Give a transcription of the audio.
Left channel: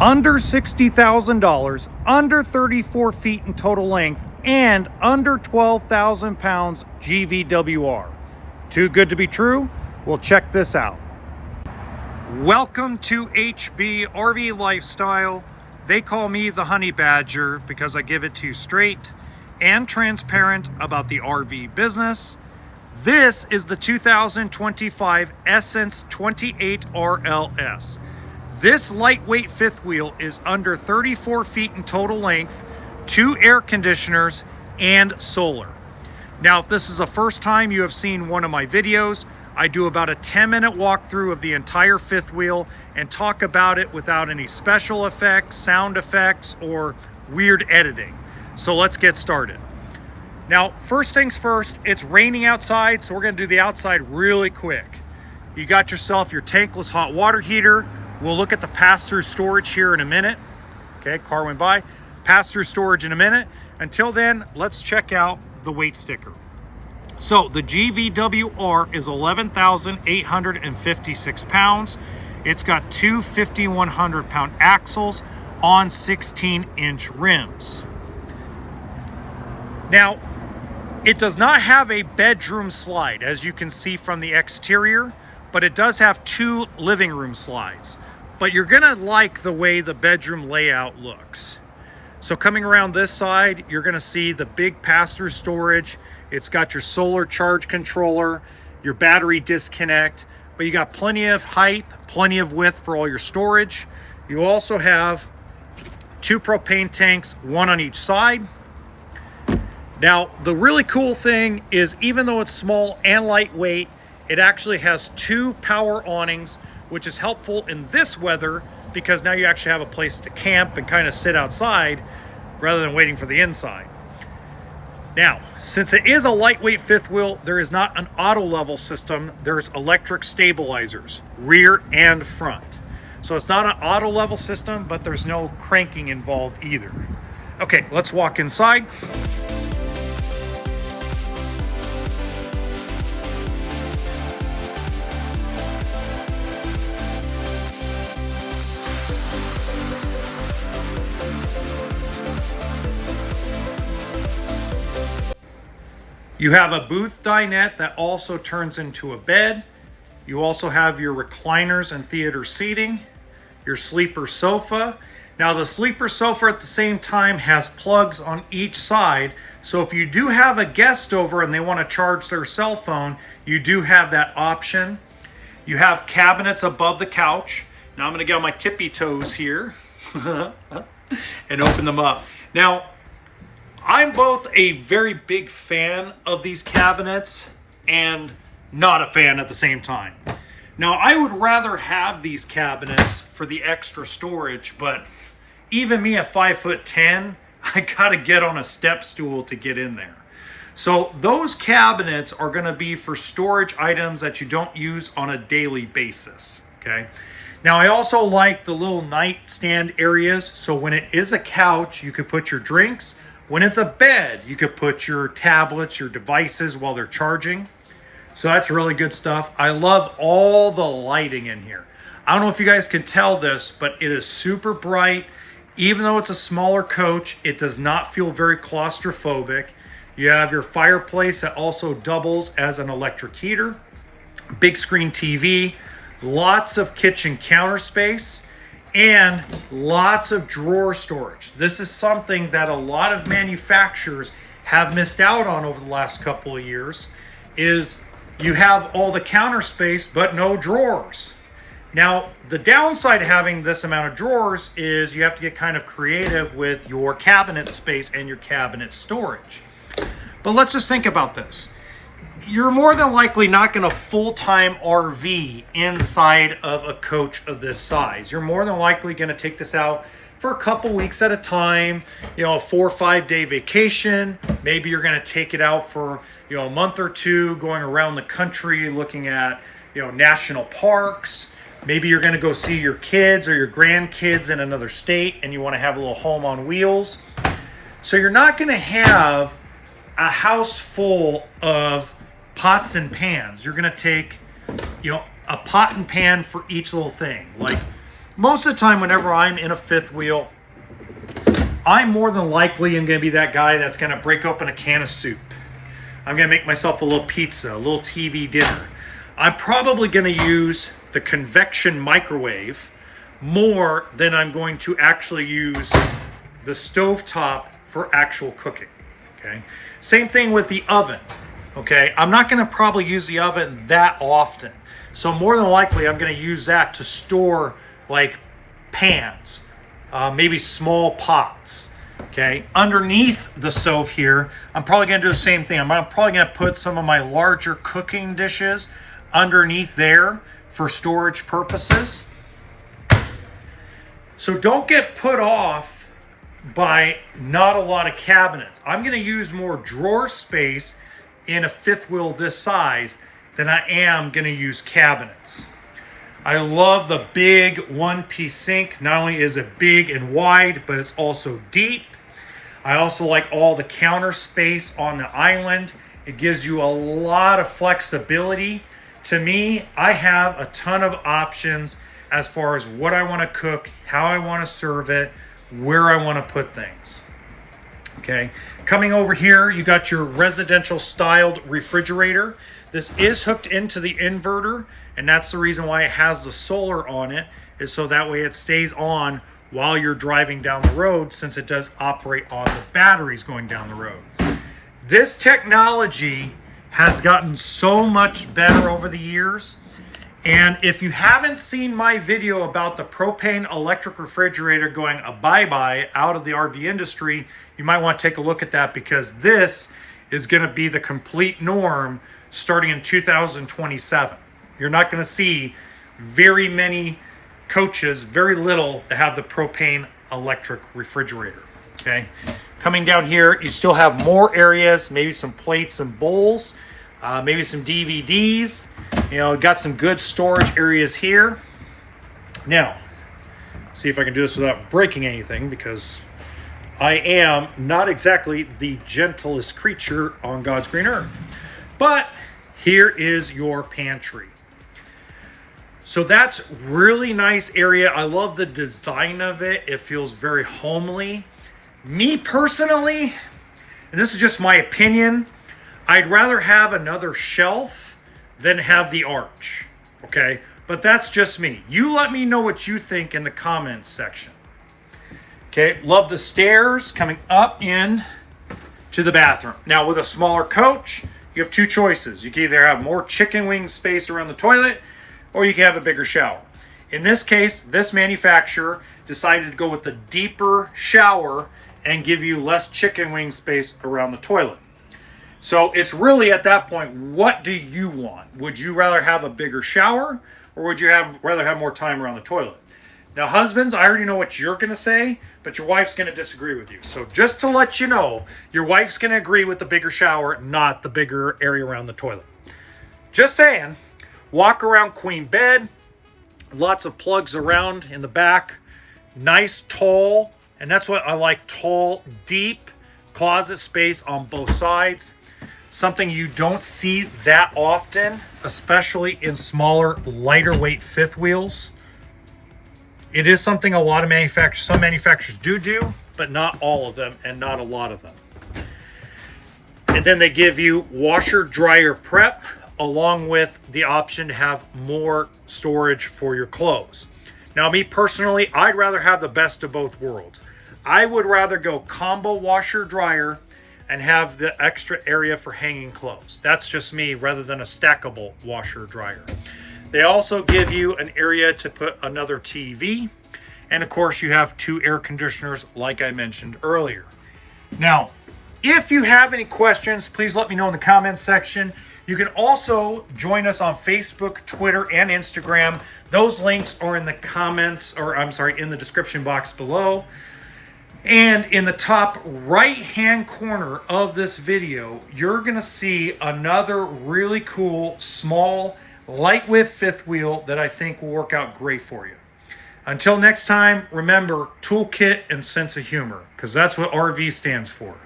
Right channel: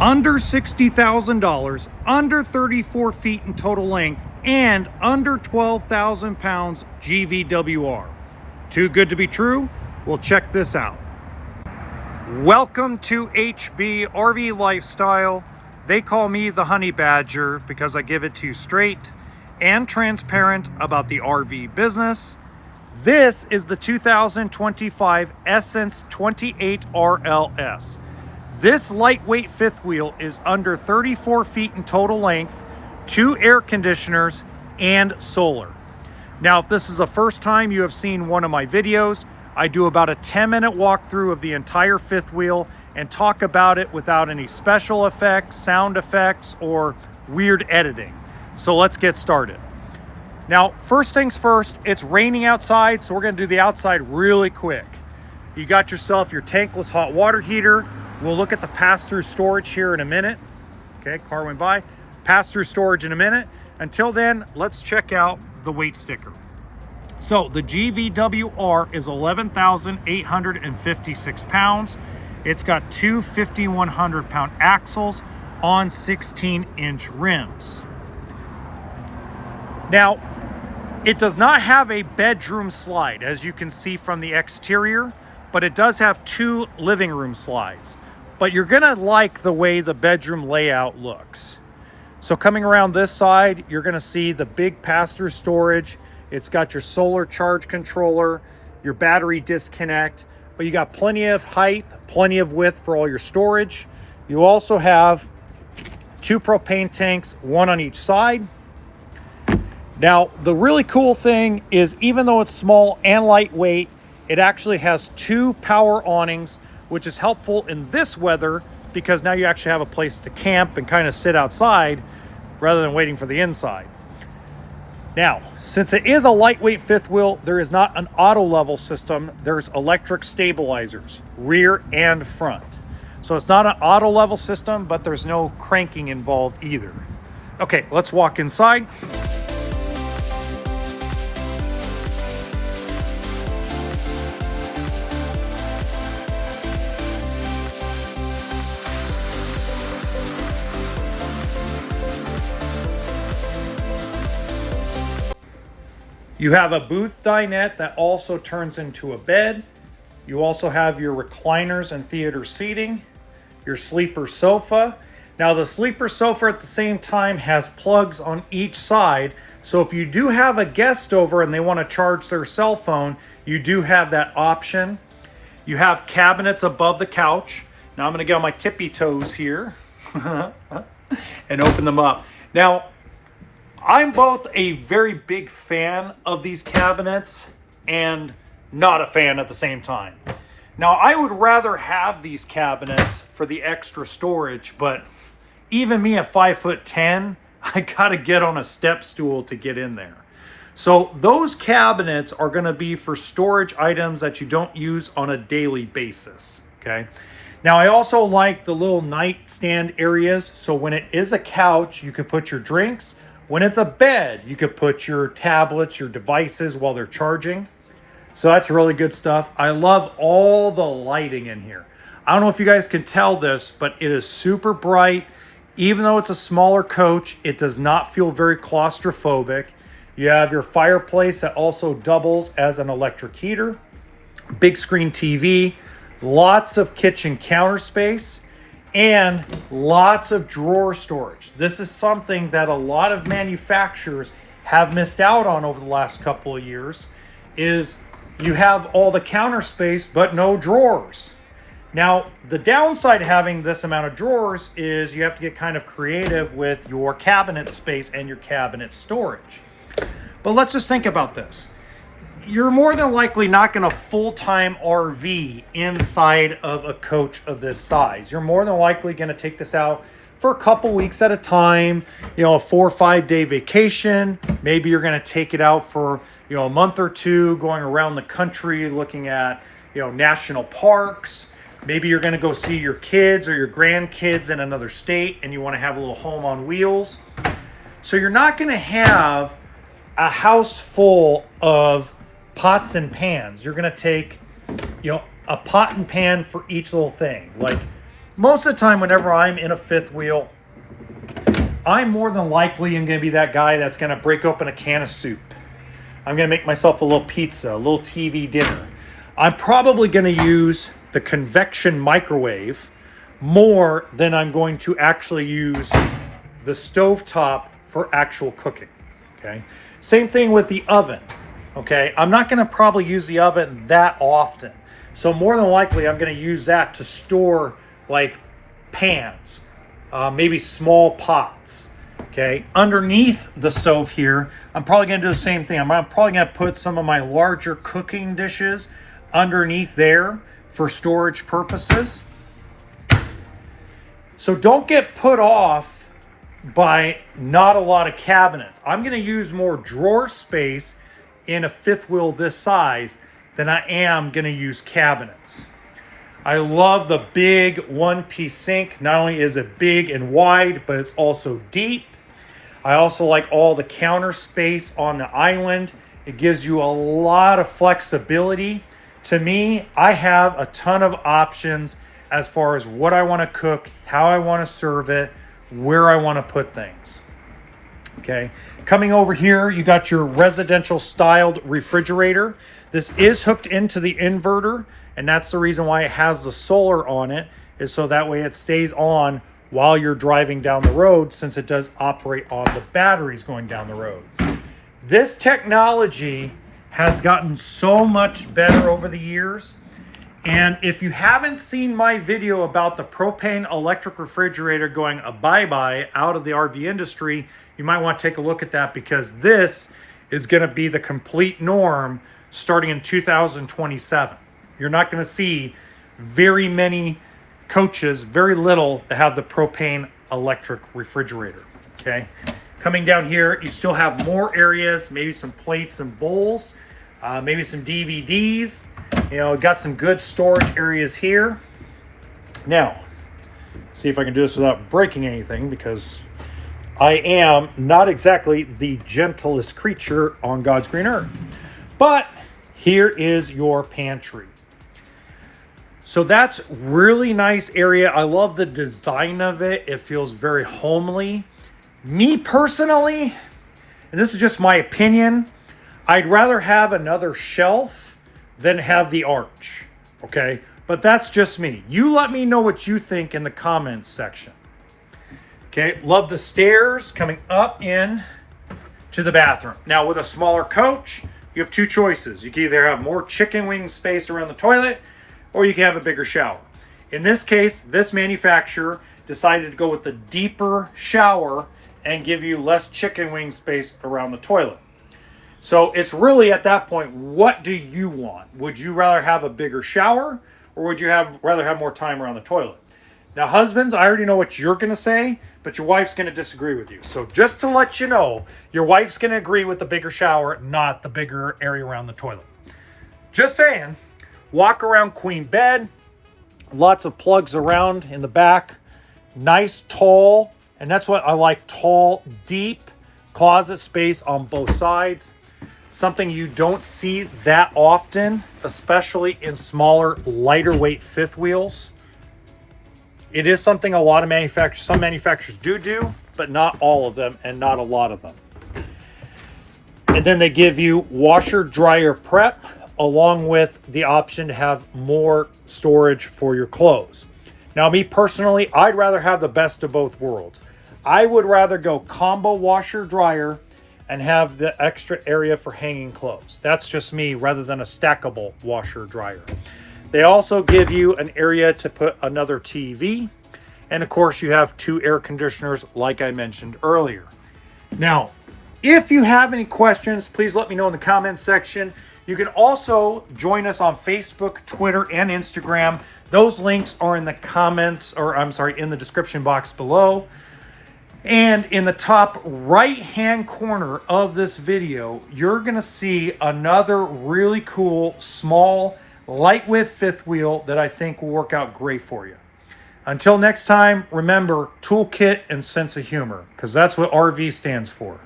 Under $60,000, under 34 feet in total length, and under 12,000 pounds GVWR. Too good to be true? Well, check this out. Welcome to HB RV Lifestyle. They call me the Honey Badger because I give it to you straight and transparent about the RV business. This is the 2025 Esscence 28 RLS. This lightweight fifth wheel is under 34 feet in total length, 2 air conditioners, and solar. Now, if this is the first time you have seen one of my videos, I do about a 10-minute walkthrough of the entire fifth wheel and talk about it without any special effects, sound effects, or weird editing. So let's get started. Now, first things first, it's raining outside, so we're gonna do the outside really quick. You got yourself your tankless hot water heater. We'll look at the pass-through storage here in a minute. Okay, car went by. Pass-through storage in a minute. Until then, let's check out the weight sticker. So the GVWR is 11,856 pounds. It's got two 5,100-pound axles on 16-inch rims. Now, it does not have a bedroom slide, as you can see from the exterior, but it does have 2 living room slides. But you're gonna like the way the bedroom layout looks. So coming around this side, you're gonna see the big pass-through storage. It's got your solar charge controller, your battery disconnect, but you got plenty of height, plenty of width for all your storage. You also have 2 propane tanks, 1 on each side. Now, the really cool thing is, even though it's small and lightweight, it actually has 2 power awnings, which is helpful in this weather because now you actually have a place to camp and kind of sit outside rather than waiting for the inside. Now, since it is a lightweight fifth wheel, there is not an auto level system. There's electric stabilizers, rear and front. So it's not an auto level system, but there's no cranking involved either. Okay, let's walk inside. You have a booth dinette that also turns into a bed. You also have your recliners and theater seating, your sleeper sofa. Now, the sleeper sofa at the same time has plugs on each side. So if you do have a guest over and they want to charge their cell phone, you do have that option. You have cabinets above the couch. Now I'm going to get on my tippy toes here and open them up. Now, I'm both a very big fan of these cabinets and not a fan at the same time. Now, I would rather have these cabinets for the extra storage, but even me at 5'10", I gotta get on a step stool to get in there. So those cabinets are gonna be for storage items that you don't use on a daily basis, okay? Now, I also like the little nightstand areas. So when it is a couch, you could put your drinks. When it's a bed, you could put your tablets, your devices while they're charging. So that's really good stuff. I love all the lighting in here. I don't know if you guys can tell this, but it is super bright. Even though it's a smaller coach, it does not feel very claustrophobic. You have your fireplace that also doubles as an electric heater. Big screen TV, lots of kitchen counter space, and lots of drawer storage. This is something that a lot of manufacturers have missed out on over the last couple of years, is you have all the counter space but no drawers. Now, the downside of having this amount of drawers is you have to get kind of creative with your cabinet space and your cabinet storage. But let's just think about this. You're more than likely not going to full-time RV inside of a coach of this size. You're more than likely going to take this out for a couple weeks at a time, you know, a 4 or 5 day vacation. Maybe you're going to take it out for, you know, a month or two, going around the country, looking at, you know, national parks. Maybe you're going to go see your kids or your grandkids in another state and you want to have a little home on wheels. So you're not going to have a house full of pots and pans. You're going to take, you know, a pot and pan for each little thing. Like, most of the time whenever I'm in a fifth wheel, I more than likely am going to be that guy that's going to break open a can of soup. I'm going to make myself a little pizza, a little TV dinner. I'm probably going to use the convection microwave more than I'm going to actually use the stovetop for actual cooking, okay? Same thing with the oven, okay? I'm not going to probably use the oven that often. So more than likely, I'm going to use that to store like pans, maybe small pots, okay? Underneath the stove here, I'm probably going to do the same thing. I'm probably going to put some of my larger cooking dishes underneath there for storage purposes. So don't get put off by not a lot of cabinets. I'm going to use more drawer space in a fifth wheel this size than I am going to use cabinets. I love the big one-piece sink. Not only is it big and wide, but it's also deep. I also like all the counter space on the island. It gives you a lot of flexibility. To me, I have a ton of options as far as what I want to cook, how I want to serve it, where I want to put things. Okay, coming over here, you got your residential styled refrigerator. This is hooked into the inverter, and that's the reason why it has the solar on it, is so that way it stays on while you're driving down the road, since it does operate on the batteries going down the road. This technology has gotten so much better over the years. And if you haven't seen my video about the propane electric refrigerator going a bye-bye out of the RV industry, you might want to take a look at that, because this is going to be the complete norm starting in 2027. You're not going to see very many coaches, very little, that have the propane electric refrigerator, okay? Coming down here, you still have more areas, maybe some plates and bowls, maybe some DVDs. You know, got some good storage areas here. Now, see if I can do this without breaking anything, because I am not exactly the gentlest creature on God's green earth. But here is your pantry. So that's really nice area. I love the design of it. It feels very homely. Me personally, and this is just my opinion, I'd rather have another shelf than have the arch, okay? But that's just me. You let me know what you think in the comments section. Okay, love the stairs coming up in to the bathroom. Now with a smaller coach, you have two choices. You can either have more chicken wing space around the toilet, or you can have a bigger shower. In this case, this manufacturer decided to go with the deeper shower and give you less chicken wing space around the toilet. So it's really at that point, what do you want? Would you rather have a bigger shower, or would you rather have more time around the toilet? Now, husbands, I already know what you're going to say, but your wife's going to disagree with you. So just to let you know, your wife's going to agree with the bigger shower, not the bigger area around the toilet. Just saying. Walk around queen bed, lots of plugs around in the back, nice tall, and that's what I like, tall, deep closet space on both sides. Something you don't see that often, especially in smaller, lighter weight fifth wheels. It is something a lot of manufacturers, some manufacturers do, but not all of them, and not a lot of them. And then they give you washer dryer prep, along with the option to have more storage for your clothes. Now, me personally, I'd rather have the best of both worlds. I would rather go combo washer dryer and have the extra area for hanging clothes. That's just me, rather than a stackable washer dryer. They also give you an area to put another TV. And of course, you have two air conditioners, like I mentioned earlier. Now, if you have any questions, please let me know in the comments section. You can also join us on Facebook, Twitter, and Instagram. Those links are in the comments, or I'm sorry, in the description box below. And in the top right-hand corner of this video, you're gonna see another really cool, small, light-width fifth wheel that I think will work out great for you. Until next time, remember, toolkit and sense of humor, because that's what RV stands for.